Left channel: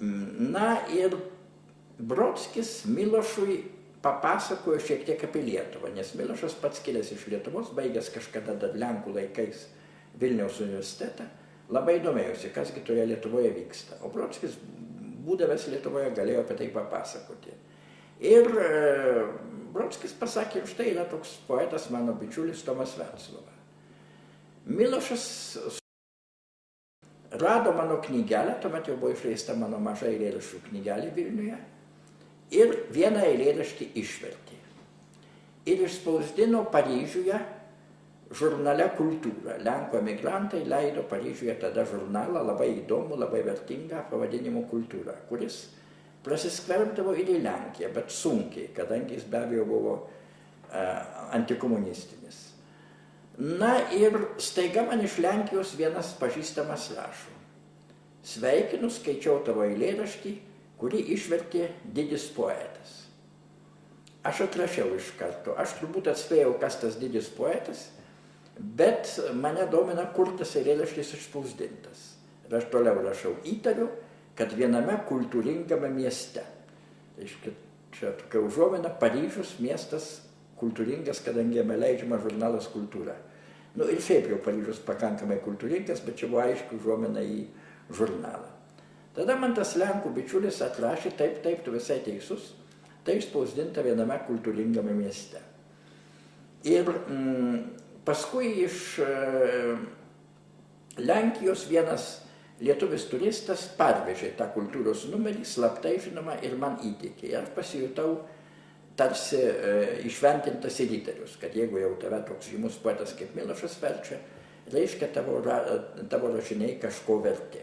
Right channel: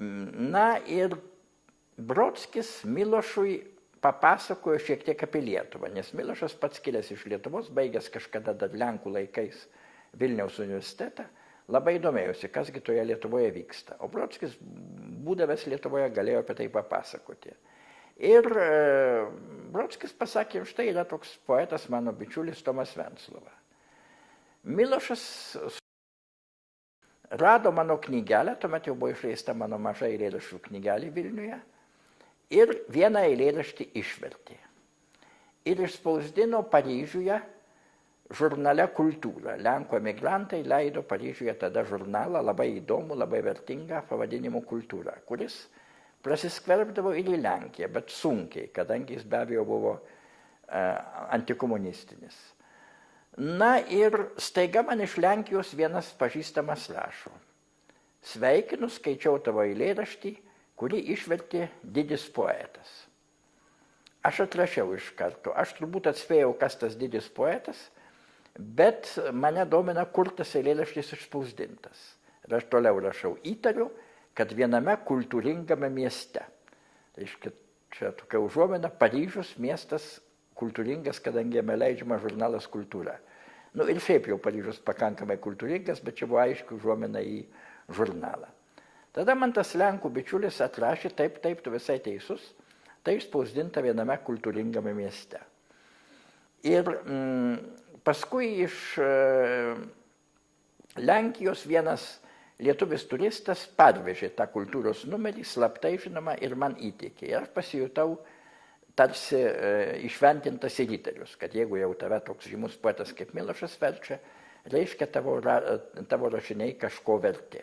Na ir Brodskis Milošui papasakojo šiek tiek apie Lietuvą, nes Milošas pats kilęs iš Lietuvos, baigęs kažkada dar Lenkų laikais Vilniaus universitetą, labai domėjosi, kasgi toje Lietuvoje vyksta. O Brodskis, būdavęs Lietuvoje, galėjo apie tai papasakoti. Ir Brodskis pasakė, štai yra toks poetas, mano bičiulis Tomas Venclova. Milošas rado mano knygelę, tuomet jau buvo išleista mano maža eilėraščių knygelė Vilniuje, ir vieną eilėraštį išvertė. Ir išspausdino Paryžiuje žurnale Kultūra. Lenkų emigrantai leido Paryžiuje tada žurnalą, labai įdomų, labai vertingą pavadinimu Kultūra, kuris prasiskverbdavo ir į Lenkiją, bet sunkiai, kadangi jis be abejo buvo antikomunistinis. Na ir staiga man iš Lenkijos vienas pažįstamas rašo: sveikinu, skaičiau tavo eilėraštį, kurį išvertė didis poetas. Aš atrašiau iš karto, aš turbūt atspėjau, kas tas didis poetas, bet mane domina, kur tas eilėraštis išspausdintas. Ir aš toliau rašau, įtariu, kad viename kultūringame mieste. Tai čia tokia užuomina, Paryžius miestas kultūringas, kadangi jame leidžiama žurnalas Kultūra. Nu ir šiaip jau Paryžius pakankamai kultūringas, bet čia buvo aiškiai užuomina į žurnalą. Tada man tas Lenkų bičiulis atrašė, taip, tu visai teisus, tai išspausdinta viename kultūringame mieste. Ir paskui iš Lenkijos vienas lietuvis turistas parvežė tą kultūros numerį, slaptai žinoma, ir man įteikė. Ir aš pasijutau tarsi išventintas į riterius, kad jeigu jau tave toks žymus poetas kaip Milošas verčia, reiškia tavo rašiniai kažko verti.